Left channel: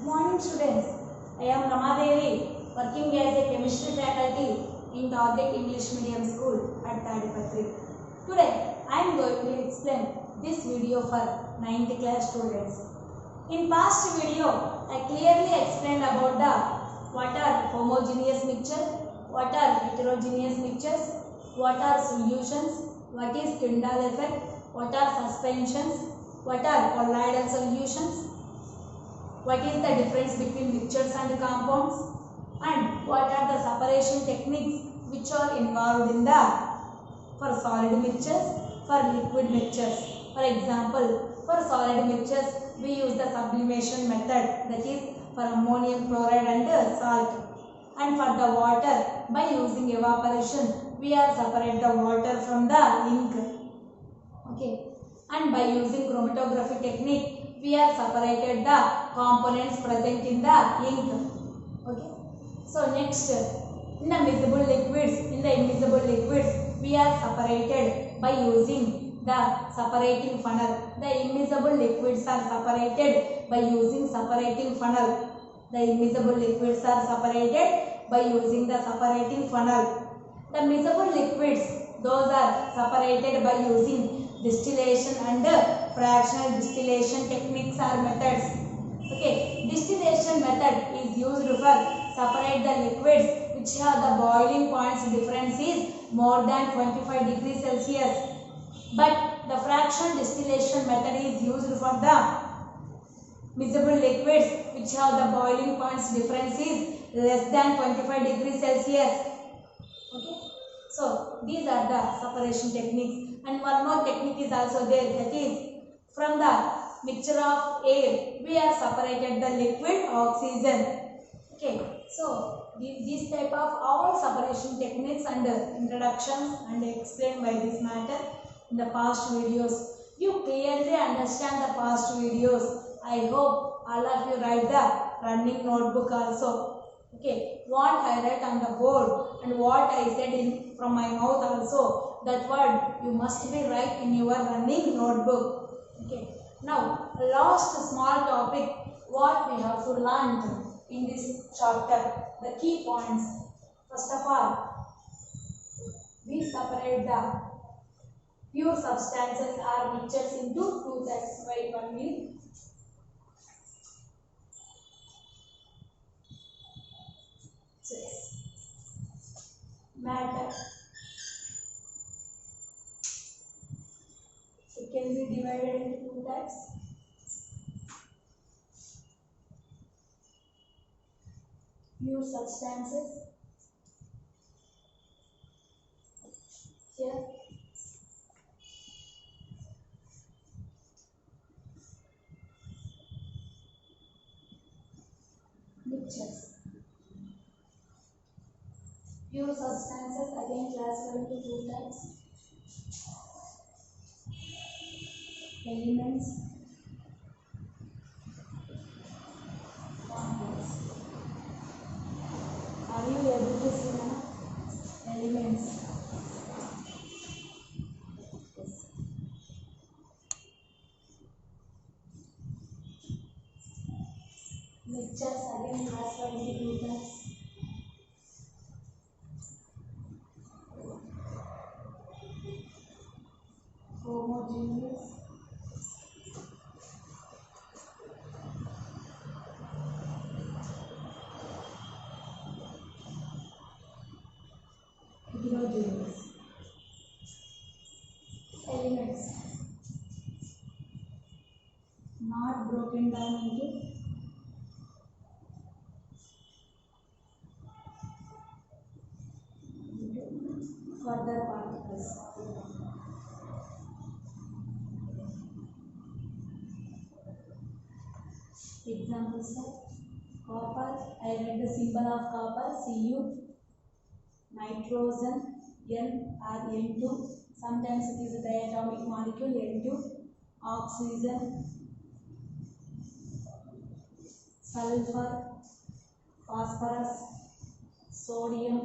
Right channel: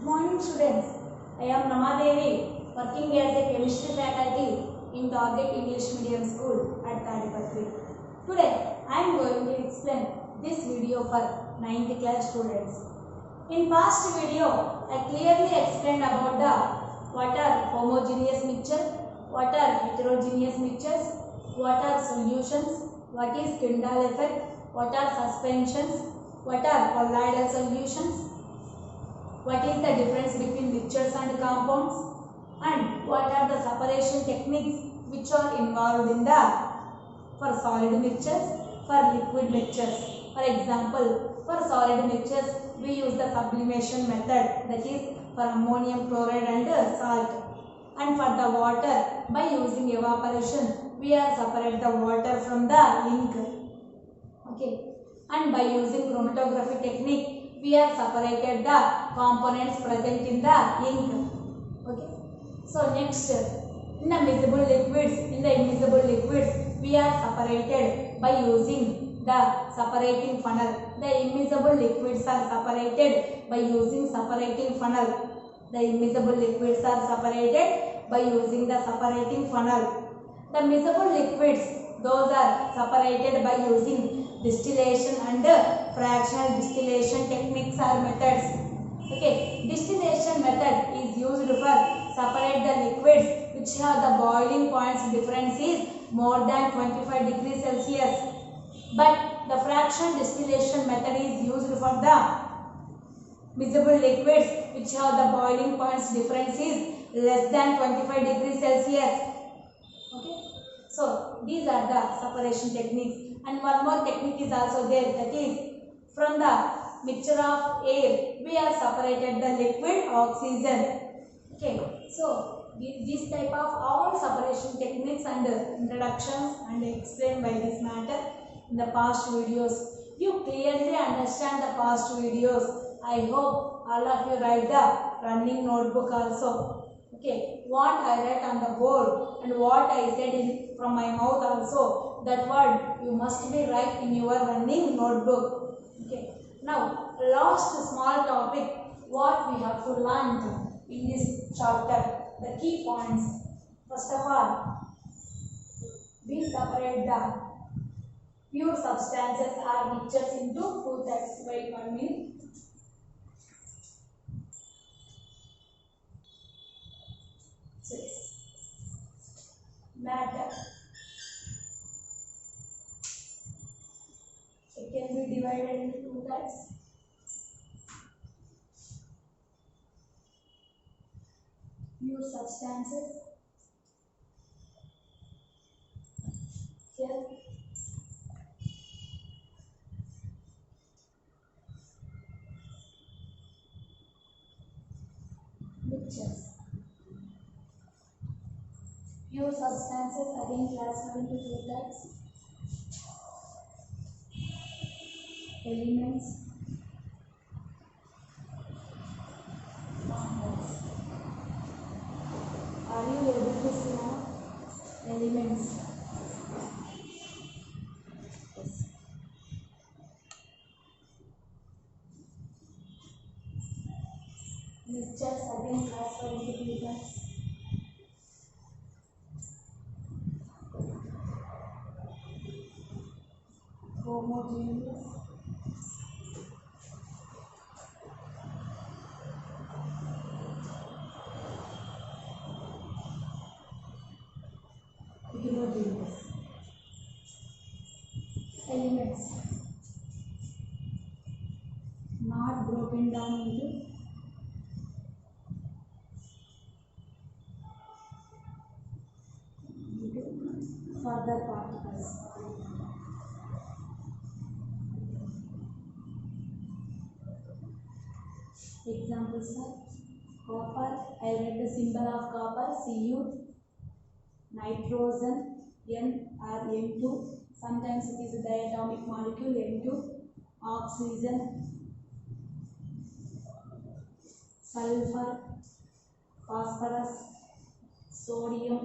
Good morning students. I am Ramadevi, working as a chemistry faculty in Target English Medium School at Tadipatri. Today I am going to explain this video for 9th class students. In past video I clearly explained about the what are homogeneous mixture, what are heterogeneous mixtures, what are solutions, what is Tyndall effect, what are suspensions, what are colloidal solutions, what is the difference between mixtures and compounds, and what are the separation techniques which are involved in the for solid mixtures, for liquid mixtures. For example, for solid mixtures we use the sublimation method, that is for ammonium chloride and salt, and for the water by using evaporation we are separate the water from the ink. Okay, and by using chromatography technique we are separated the components present in the ink. Okay, so next, in the miscible liquids, in the immiscible liquids we are separated by using the separating funnel. The immiscible liquids are separated by using separating funnel. The immiscible liquids are separated by using the separating funnel. The miscible liquids, those are separated by using distillation and fractional distillation techniques or methods. Okay, distillation method is used for separate the liquids which have the boiling points difference is more than 25 degrees Celsius. But the fractional distillation method is used for the miscible liquids which have the boiling points difference is less than 25 degrees Celsius. Okay, so these are the separation techniques. And one more technique is also there, that is from the mixture of air we are separated the liquid oxygen. Okay, so these type of all separation techniques and introductions and explained by this matter in the past videos. You clearly understand the past videos. I hope all of you write the running notebook also. Okay, what I write on the board and what I said in from my mouth also, that word you must be write in your running notebook. Okay, now last small topic, what we have to learn in this chapter, the key points. First of all, we separate the pure substances or mixtures into two types. Wait 1 minute. So yes, matter. It can be divided into two types. Pure substances. Here. Mixtures. Pure substances again classified into two types. Elements, compounds. Are you able to see now? Elements. Yes. Mixtures again classified into two types. Homogeneous. Heterogeneous. Elements not broken down into further particles. Examples are copper. I read the symbol of copper, Cu. Nitrogen, N or N2. Sometimes it is a diatomic molecule, N2. Oxygen, sulfur, phosphorus, sodium.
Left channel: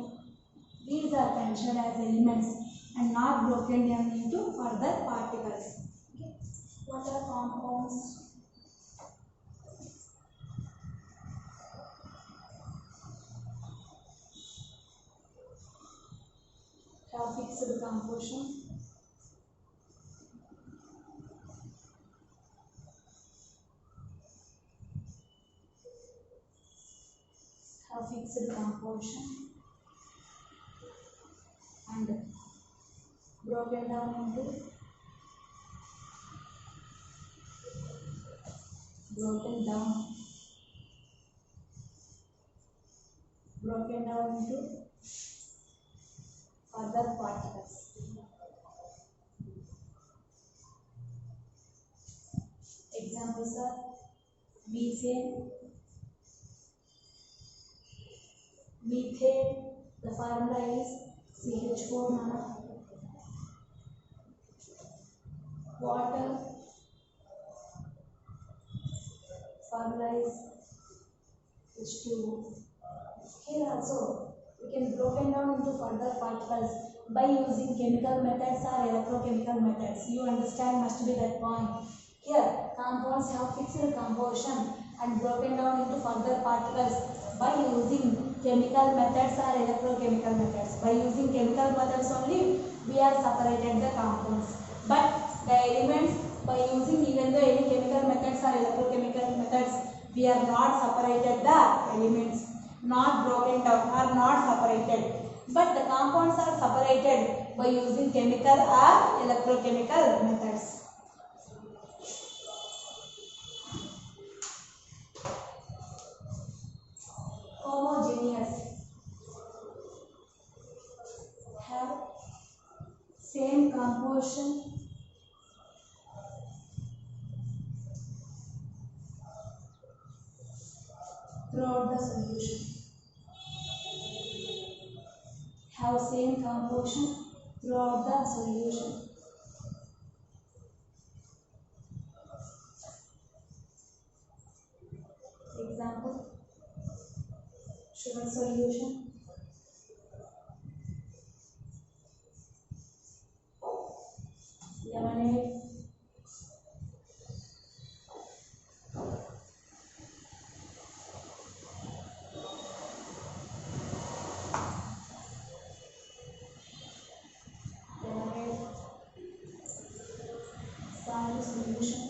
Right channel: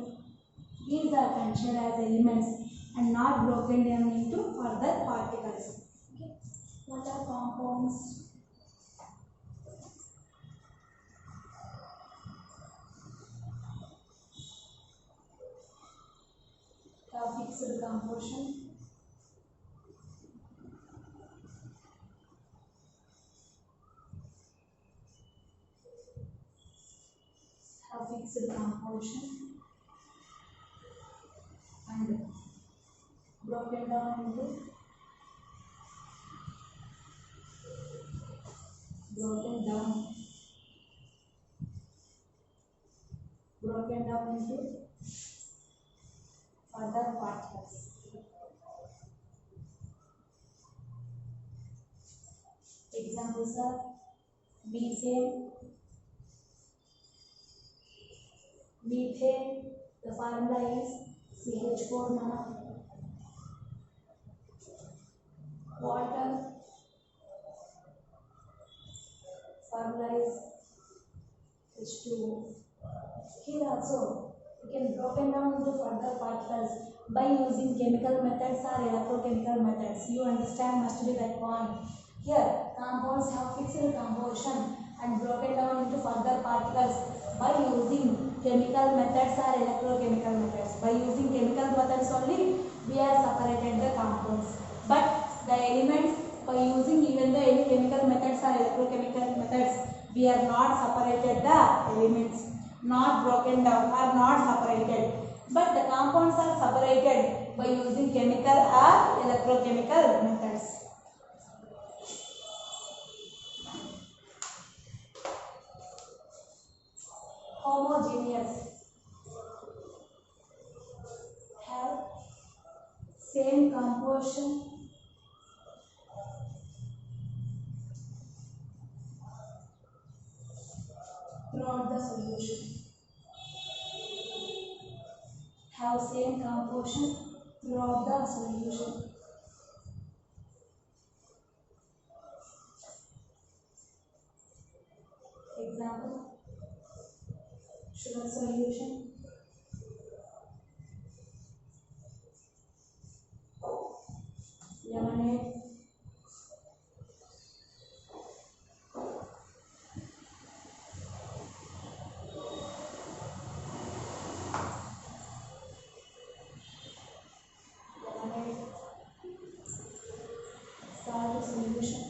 These are considered as elements and not broken down into further particles. Okay. What are compounds? fixed composition. Have fixed composition and broken down into further particles. Examples are methane. The formula is CH4 mana. Water, formula is H2O. Here also we can broken down into further particles by using chemical methods or electrochemical methods. You understand must be that point. Here compounds have fixed composition and broken down into further particles by using chemical methods or electrochemical methods. By using chemical methods only we are separated the compounds. But the elements, by using even the any chemical methods or electrochemical methods, we are not separated the elements, not broken down or not separated. But the compounds are separated by using chemical or electrochemical methods. Homogeneous have same composition throughout the solution. Have same composition throughout the solution. Example, sugar solution, lemonade, salt solution,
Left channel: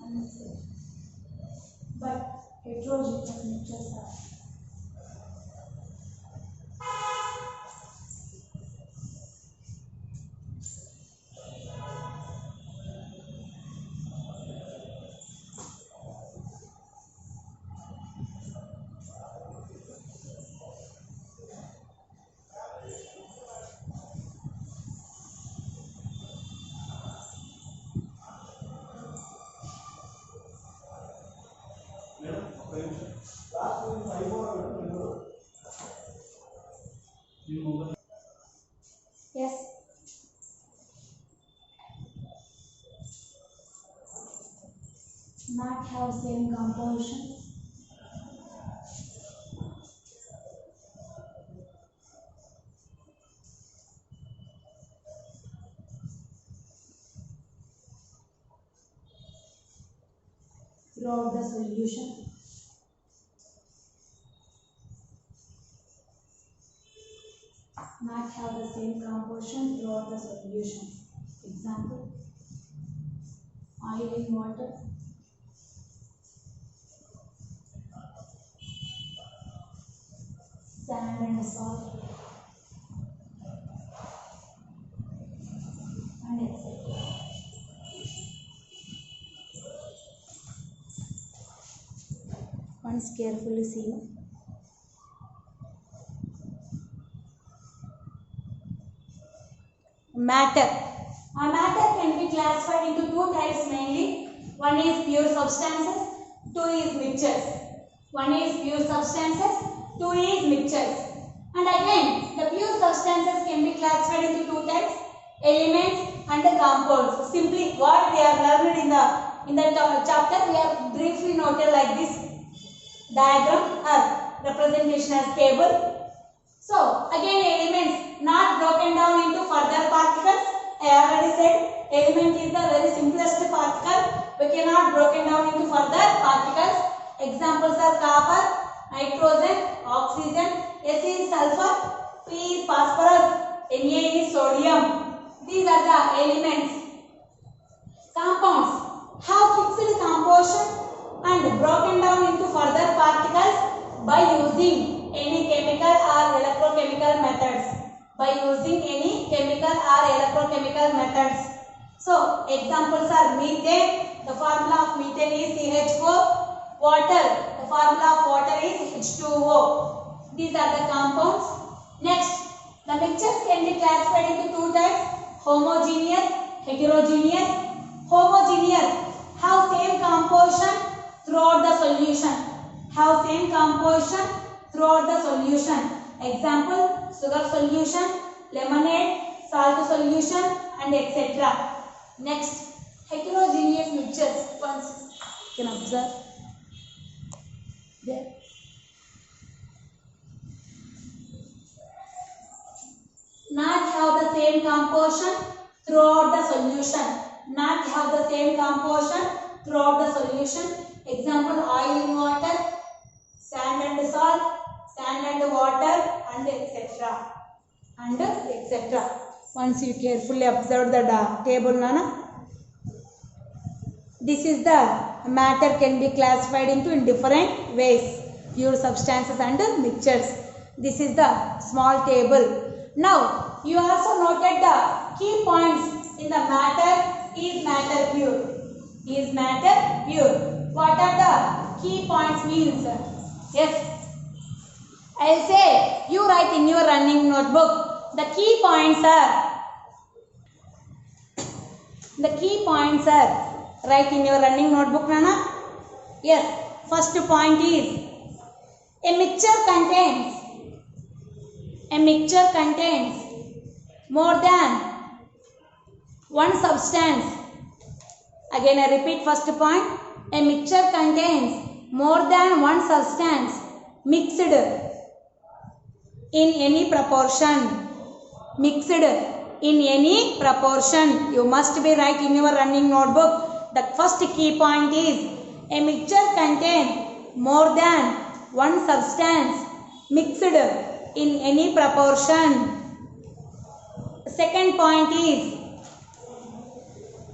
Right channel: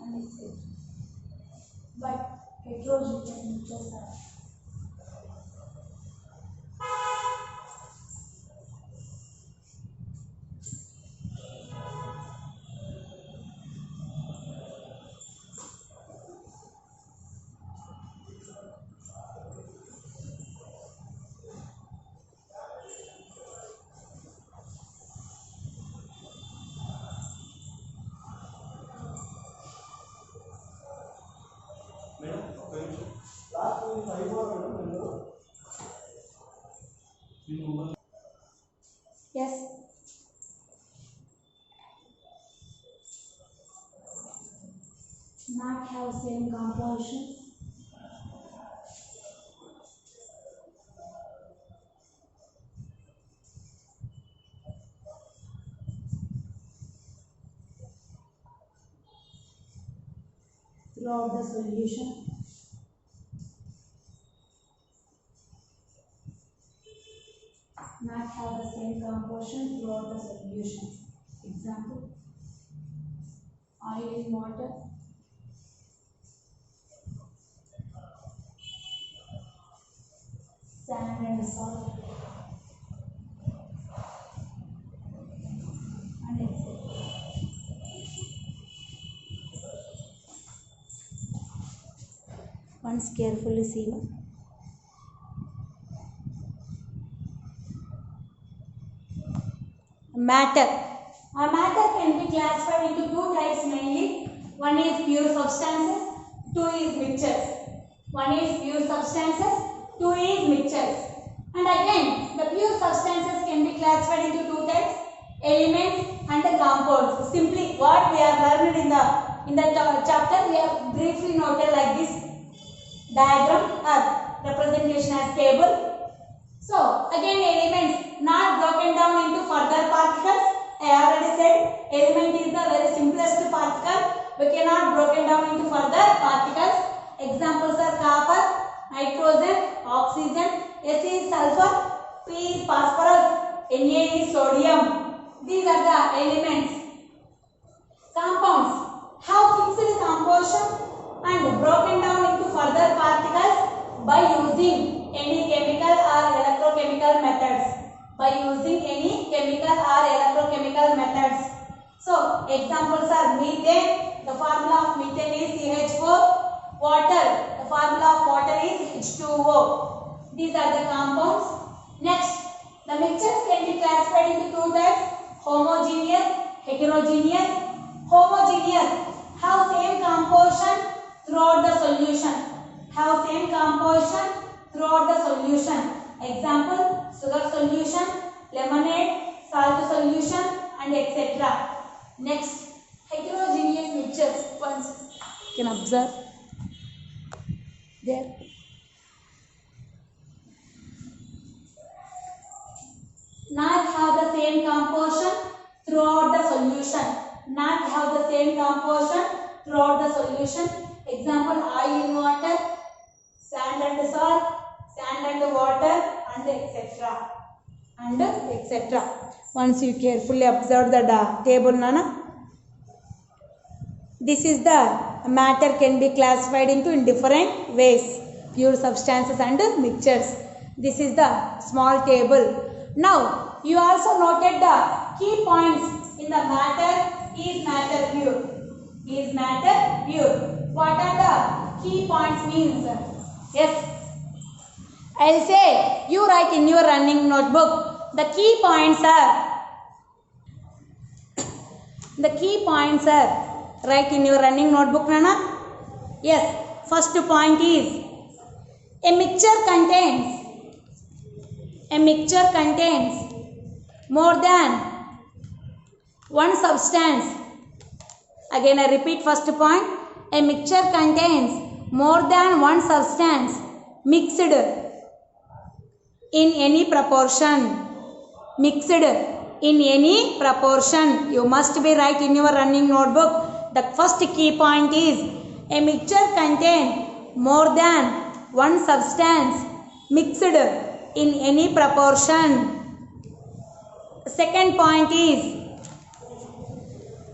and etc. But heterogeneous mixtures are yes. Not have same composition. Throughout the solution. Not have the same composition throughout the solution. Example, oil in water, sand and salt, and etc. Once carefully see. Matter. A matter can be classified into two types mainly. One is pure substances, two is mixtures. One is pure substances, two is mixtures. And again, the pure substances can be classified into two types, elements and the compounds. Simply what we have learned in the chapter, we have briefly noted like this diagram or representation as table. So again, elements not broken down into further particles. I already said element is the very simplest particle. We cannot broken down into further particles. Examples are copper, nitrogen, oxygen, Fe is sulfur, P is phosphorus, Na is sodium. These are the elements. Compounds have fixed composition and broken down into further particles by using any chemical or electrochemical methods. By using any chemical or electrochemical methods. So, examples are methane. The formula of methane is CH4. Water. The formula of water is H2O. These are the compounds. Next, the mixtures can be classified into two types: homogeneous, heterogeneous. Homogeneous have same composition throughout the solution. Have same composition throughout the solution. Example: sugar solution, lemonade, salt solution, and etc. Next, heterogeneous mixtures. Once you can observe there. Not have the same composition throughout the solution. Not have the same composition throughout the solution. Example: oil in water, sand and salt, sand and water, and etc. And etc. Once you carefully observe the table, Nana. This is the matter can be classified into in different ways: pure substances and mixtures. This is the small table. Now you also noted the key points in the matter. Is matter pure? Is matter pure? What are the key points means? Yes, I'll say you write in your running notebook. The key points are write in your running notebook, Nana. Yes, first point is a mixture contains more than one substance. Again I repeat first point. A mixture contains more than one substance mixed in any proportion. Mixed in any proportion. You must be right in your running notebook. The first key point is a mixture contains more than one substance mixed in any proportion. The second point is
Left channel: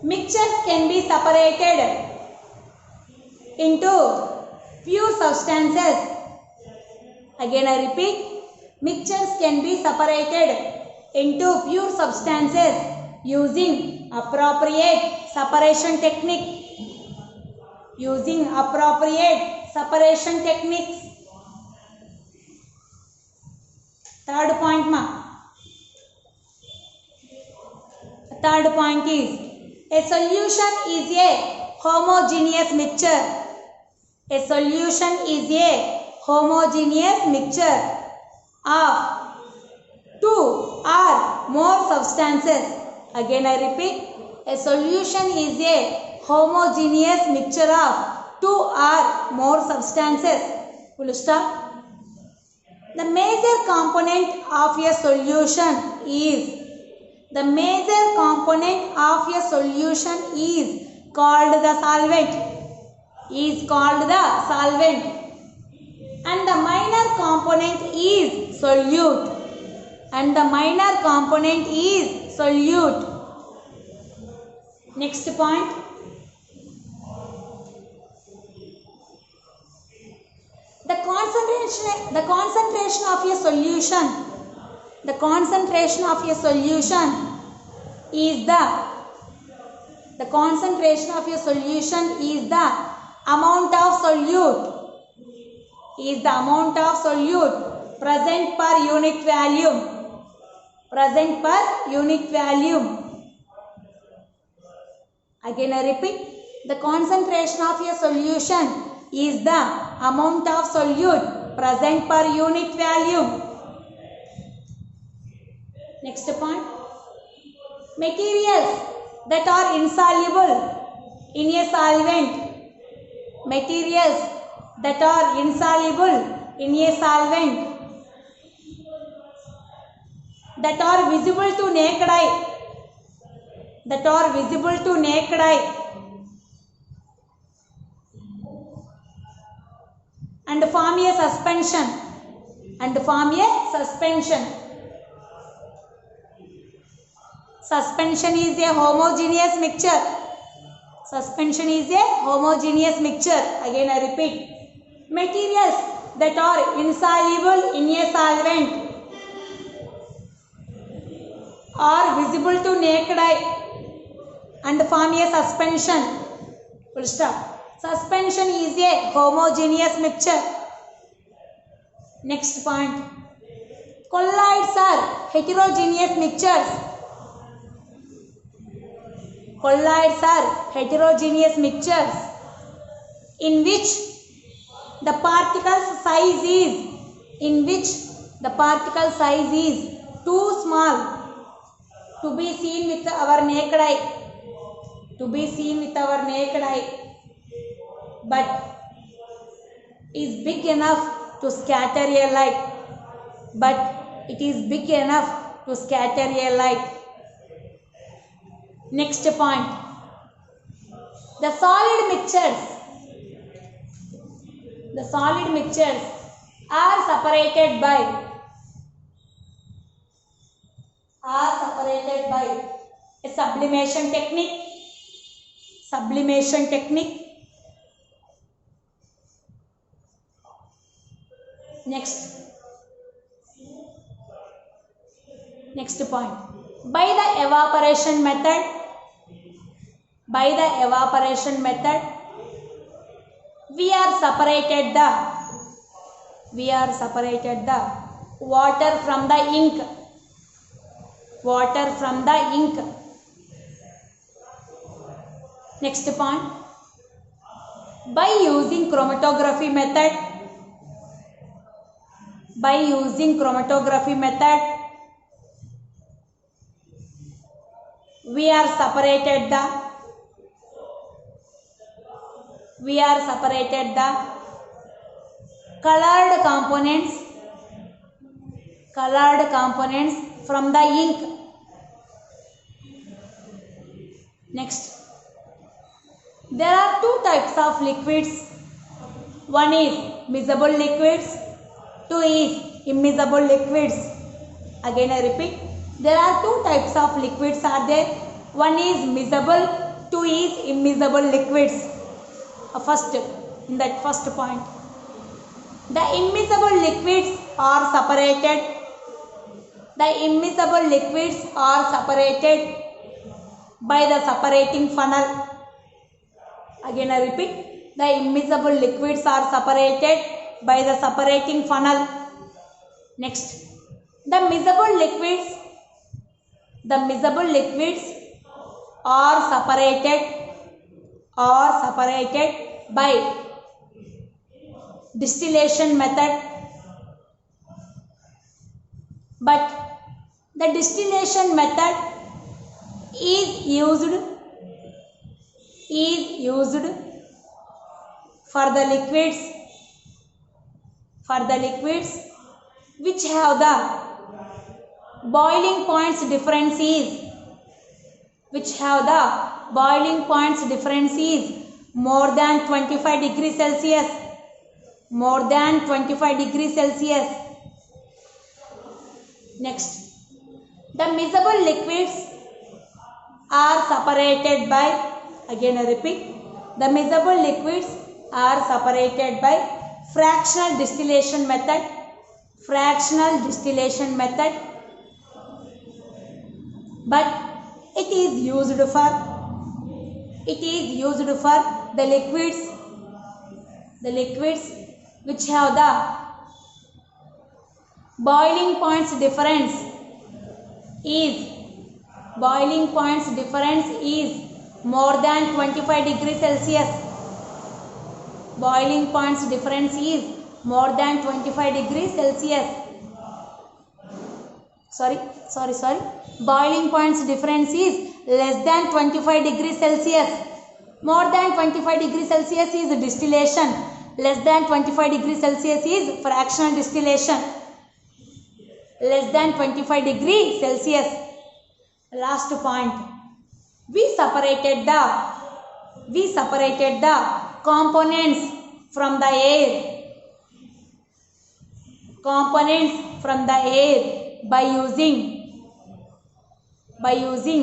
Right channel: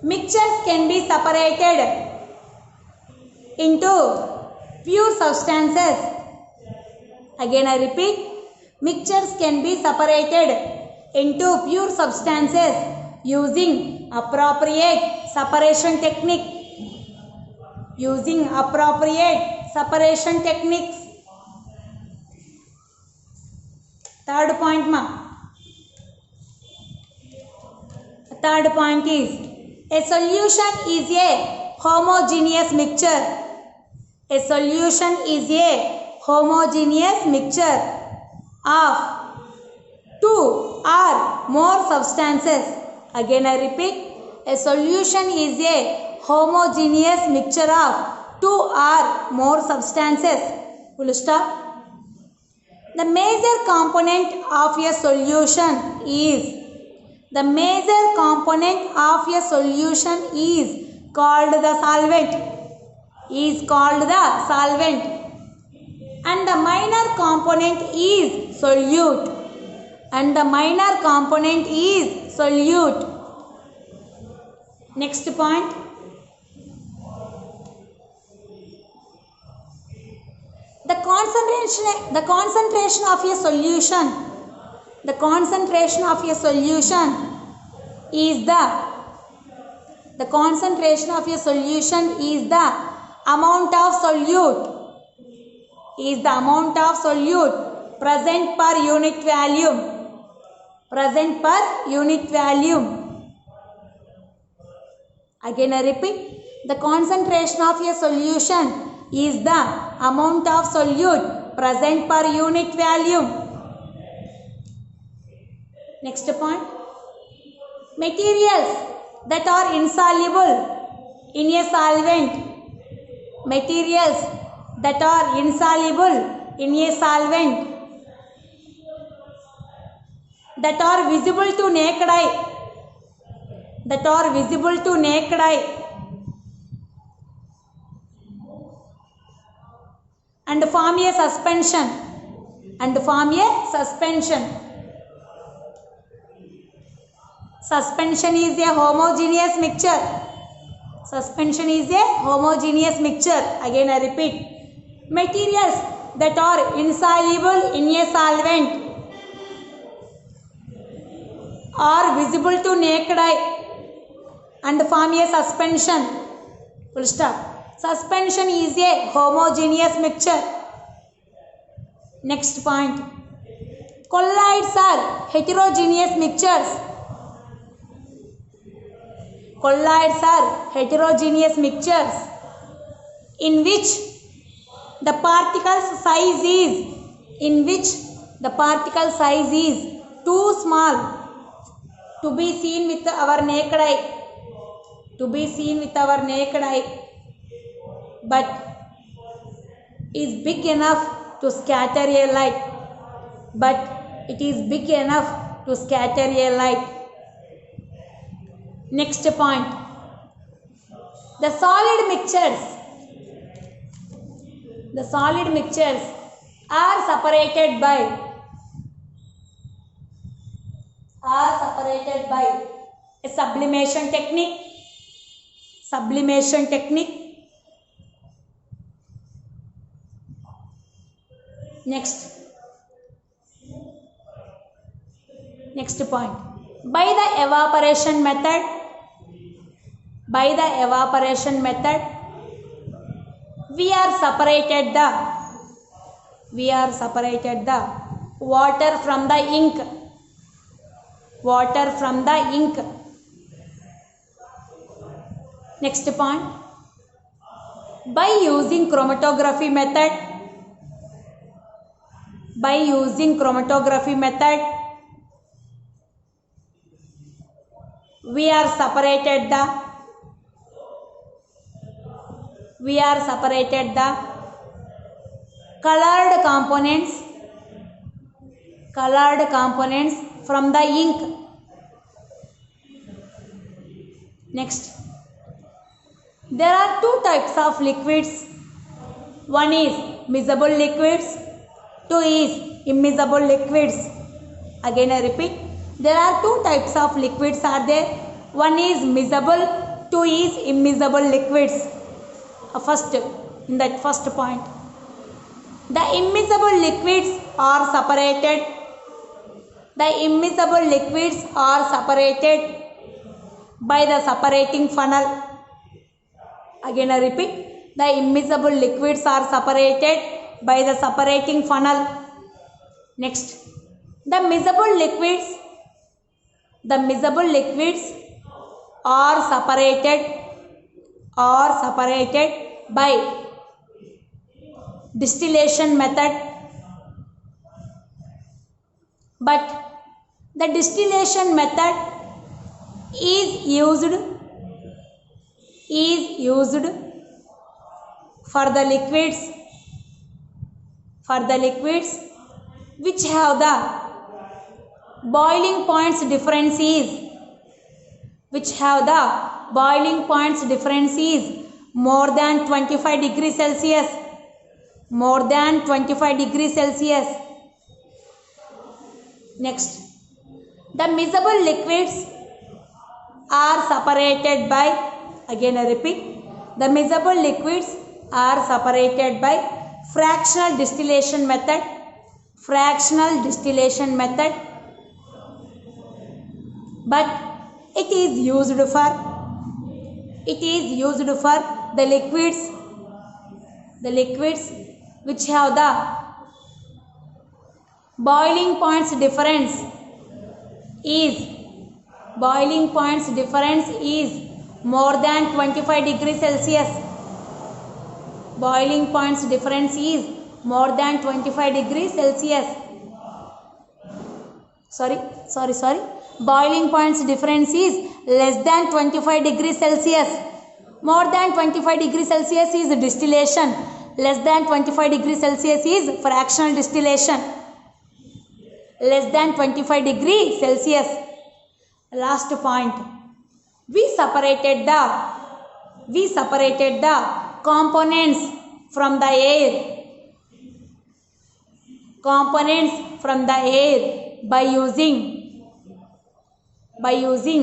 mixtures can be separated into pure substances. Again I repeat, mixtures can be separated into pure substances using appropriate separation technique. Using appropriate separation techniques. Third point Third point is a solution is a homogeneous mixture. A solution is a homogeneous mixture of two or more substances. Again I repeat, a solution is a homogeneous mixture of two or more substances. Full stop. The major component of a solution is called the solvent. And the minor component is solute. Next point. The concentration of a solution is the amount of solute present per unit volume. Again I repeat, the concentration of a solution is the amount of solute present per unit volume. Next point. Materials that are insoluble in a solvent. That are visible to naked eye. And form a suspension. Suspension is a homogeneous mixture. Suspension is a homogeneous mixture. Again I repeat. Materials that are insoluble in a solvent are visible to naked eye and form a suspension. Full stop. Suspension is a homogeneous mixture. Next point. Colloids are heterogeneous mixtures. Colloids are heterogeneous mixtures in which the particle size is too small to be seen with our naked eye, but is big enough to scatter a light. Next point. The solid mixtures are separated by a sublimation technique. Next point. By the evaporation method, we are separated the water from the ink. Next point. By using chromatography method, we are separated the colored components from the ink. Next, there are two types of liquids. One is miscible liquids, two is immiscible liquids. Again I repeat, there are two types of liquids are there. One is miscible, two is immiscible liquids. In that first point, the immiscible liquids are separated by the separating funnel. Again I repeat, the immiscible liquids are separated by the separating funnel. Next, the miscible liquids are separated by distillation method, but the distillation method is used for the liquids which have the boiling points difference is more than 25 degrees Celsius. Next, the miscible liquids are separated by, again I repeat, the miscible liquids are separated by fractional distillation method, but it is used for the liquids which have the boiling points difference is more than 25 degrees Celsius. Boiling points difference is more than 25 degrees Celsius. Boiling points difference is less than 25 degrees Celsius. More than 25 degrees Celsius is distillation. Less than 25 degrees Celsius is fractional distillation. Less than 25 degrees Celsius. Last point. We separated the components from the air by by using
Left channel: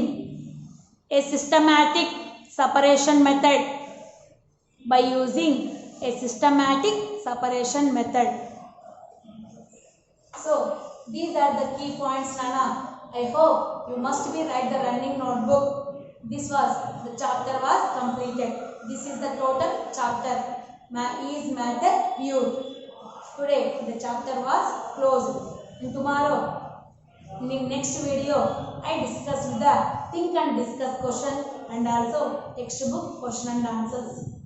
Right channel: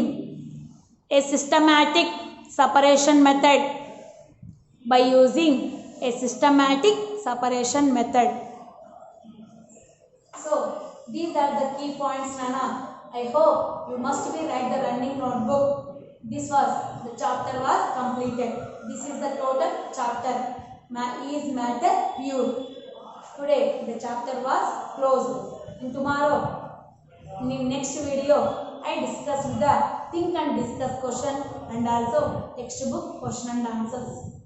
a systematic separation method. By using a systematic separation method. So these are the key points, Nana. I hope you must be write the running notebook. This was the chapter was completed. This is the total chapter. Is matter pure? Today the chapter was closed. And tomorrow in next video I discuss the think and discuss question and also textbook question and answers.